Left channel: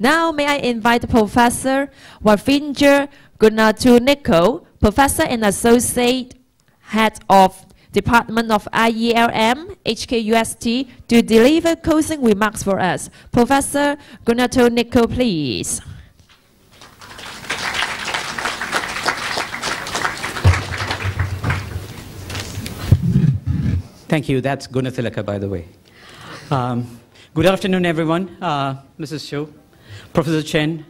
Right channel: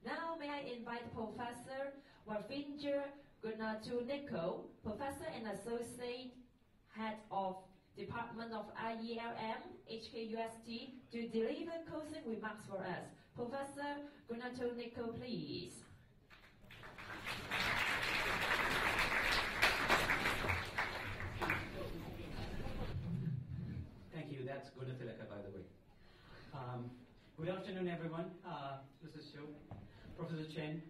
Now may I invite Professor Ravi Goonetilleke, Professor and Associate Head of Department of IELM, HKUST, to deliver closing remarks for us. Professor Goonetilleke, please. Thank you. That's Goonetilleke, by the way. Good afternoon, everyone. Mrs. Cho, Professor Chen,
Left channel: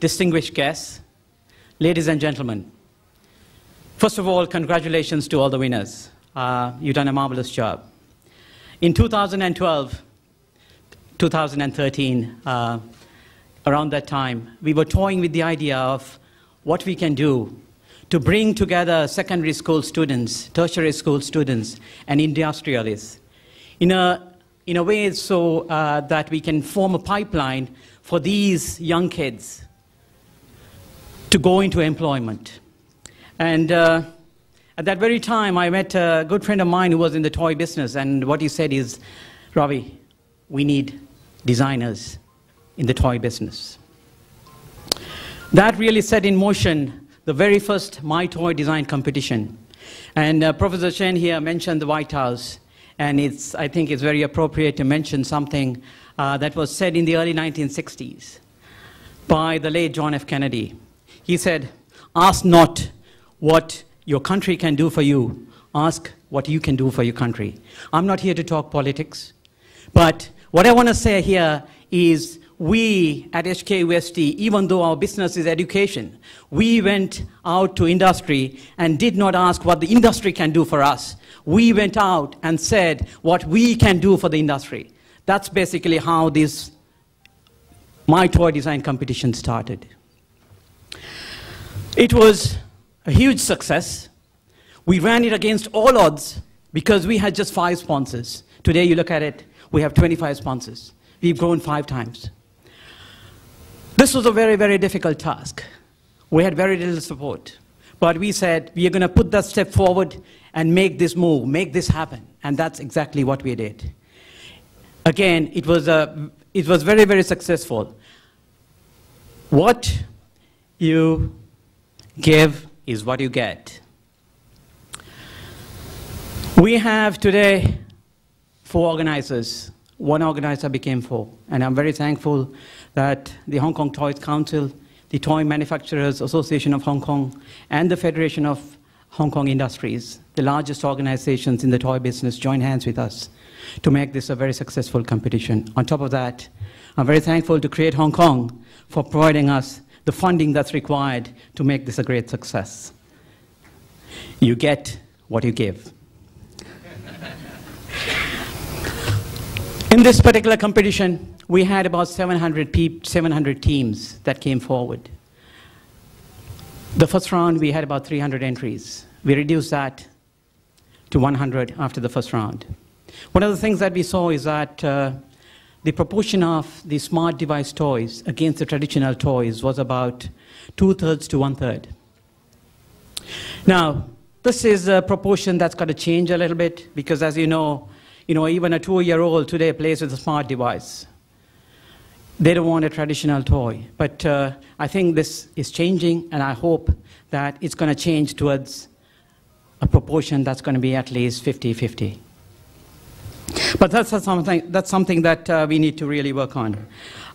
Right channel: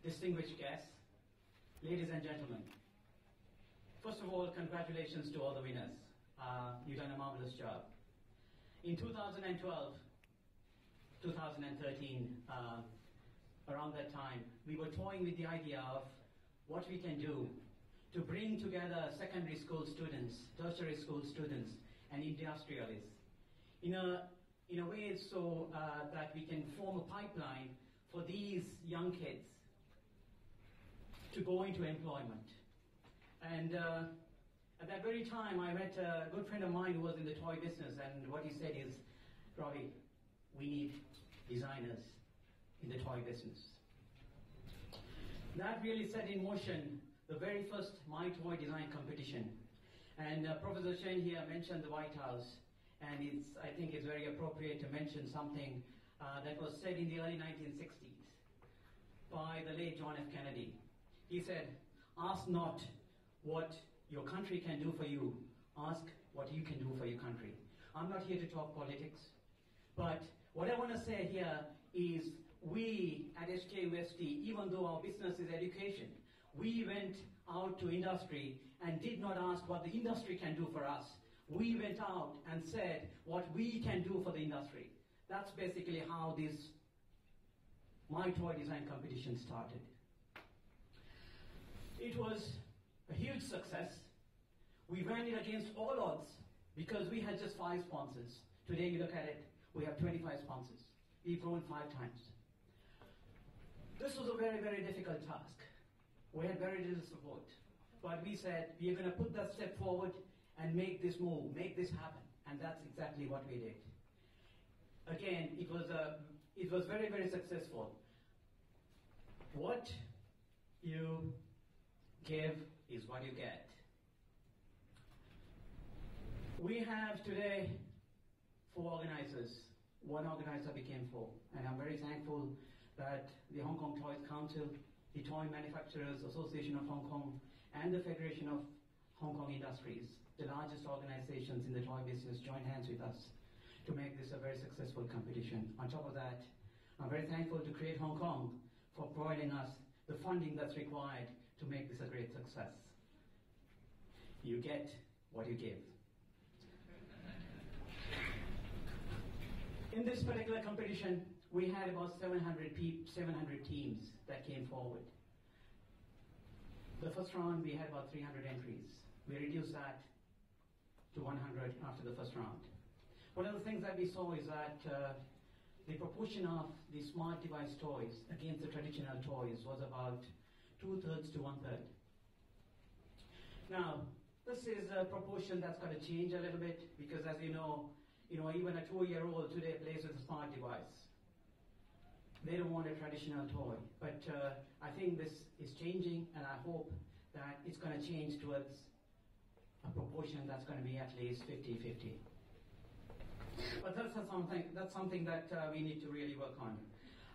distinguished guests, ladies and gentlemen. First of all, congratulations to all the winners. You've done a marvelous job. In 2012, 2013, around that time, we were toying with the idea of what we can do to bring together secondary school students, tertiary school students, and industrialists in a way so that we can form a pipeline for these young kids to go into employment. And at that very time, I met a good friend of mine who was in the toy business, and what he said is, Ravi, we need designers in the toy business. That really set in motion the very first My Toy Design competition. And Professor Chen here mentioned the White House, and I think it's very appropriate to mention something that was said in the early 1960s by the late John F. Kennedy. He said, ask not what your country can do for you, ask what you can do for your country. I'm not here to talk politics, but what I want to say here is we at HKUST, even though our business is education, we went out to industry and did not ask what the industry can do for us. We went out and said what we can do for the industry. That's basically how this My Toy Design competition started. It was a huge success. We ran it against all odds because we had just 5 sponsors. Today, you look at it, we have 25 sponsors. We've grown 5 times. This was a very, very difficult task. We had very little support. But we said, we are going to put that step forward and make this move, make this happen. And that's exactly what we did. Again, it was very, very successful. What you give is what you get. We have today 4 organizers. 1 organizer became 4. And I'm very thankful that the Hong Kong Toys Council, the Toy Manufacturers Association of Hong Kong, and the Federation of Hong Kong Industries, the largest organizations in the toy business, join hands with us to make this a very successful competition. On top of that, I'm very thankful to Create Hong Kong for providing us the funding that's required to make this a great success. You get what you give. In this particular competition, we had about 700 teams that came forward. The first round, we had about 300 entries. We reduced that to 100 after the first round. One of the things that we saw is that the proportion of the smart device toys against the traditional toys was about 2/3 to 1/3. Now, this is a proportion that's got to change a little bit because, as you know, even a 2-year-old today plays with a smart device. They don't want a traditional toy. But I think this is changing, and I hope that it's going to change towards a proportion that's going to be at least 50-50. But that's something that we need to really work on.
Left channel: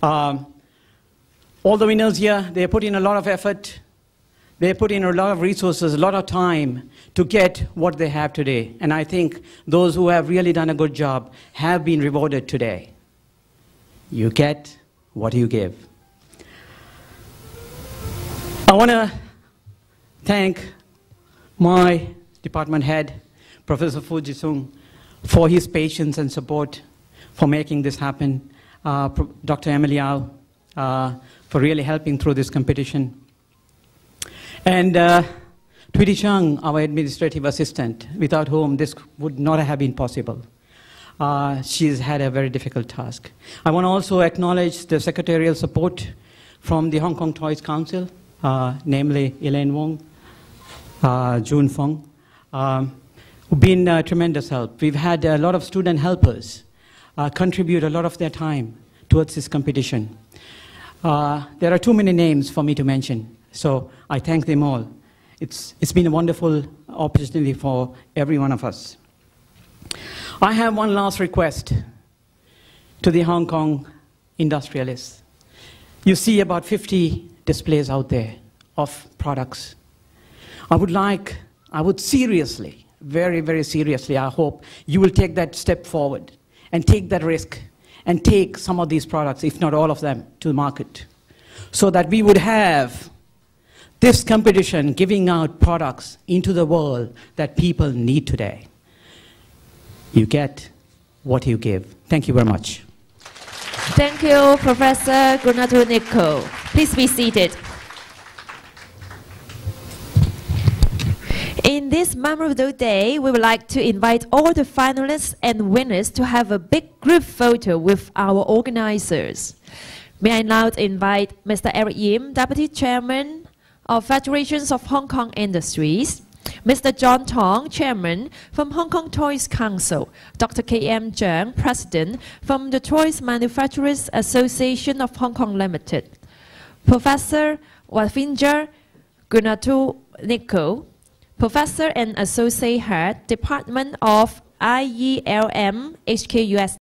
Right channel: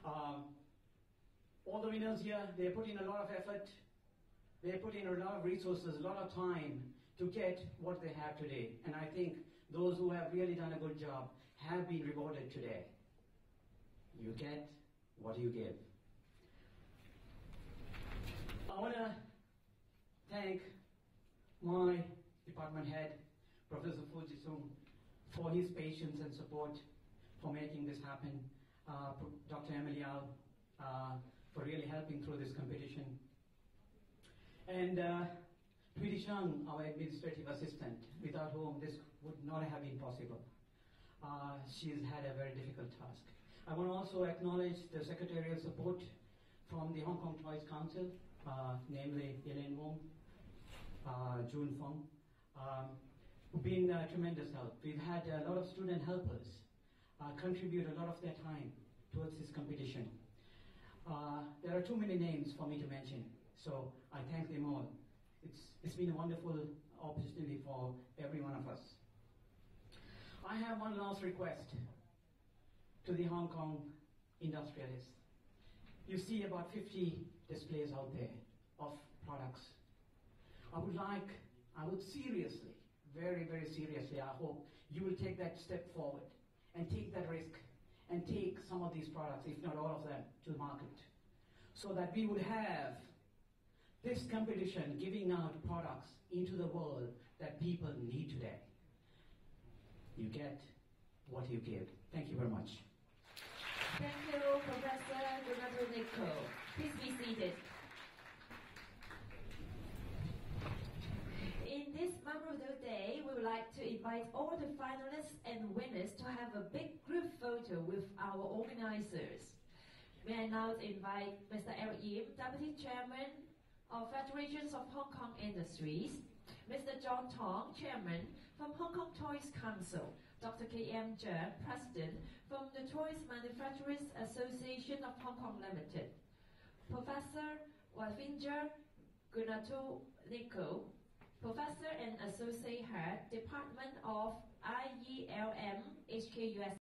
All the winners here, they put in a lot of effort. They put in a lot of resources, a lot of time to get what they have today. And I think those who have really done a good job have been rewarded today. You get what you give. I want to thank my department head, Professor Fuji Sung, for his patience and support for making this happen. Dr. Emily Au, for really helping through this competition. And Tweety Chung, our administrative assistant, without whom this would not have been possible. She's had a very difficult task. I want to also acknowledge the secretarial support from the Hong Kong Toys Council, namely Elaine Wong, June Fong, who've been tremendous help. We've had a lot of student helpers contribute a lot of their time towards this competition. There are too many names for me to mention, so I thank them all. It's been a wonderful opportunity for every one of us. I have one last request to the Hong Kong industrialists. You see about 50 displays out there of products. I would seriously, very, very seriously, I hope you will take that step forward and take that risk and take some of these products, if not all of them, to the market, so that we would have this competition giving out products into the world that people need today. You get what you give. Thank you very much. Thank you, Professor Goonetilleke. Please be seated. In this memorable day, we would like to invite all the finalists and winners to have a big group photo with our organizers. May I now invite Mr. Eric Yim, Deputy Chairman of Federations of Hong Kong Industries, Mr. John Tong, Chairman from Hong Kong Toys Council, Dr. K.M. Zhang, President from the Toys Manufacturers Association of Hong Kong Limited, Professor Ravi Goonetilleke, Professor and Associate Head, Department of IELM, HKUST.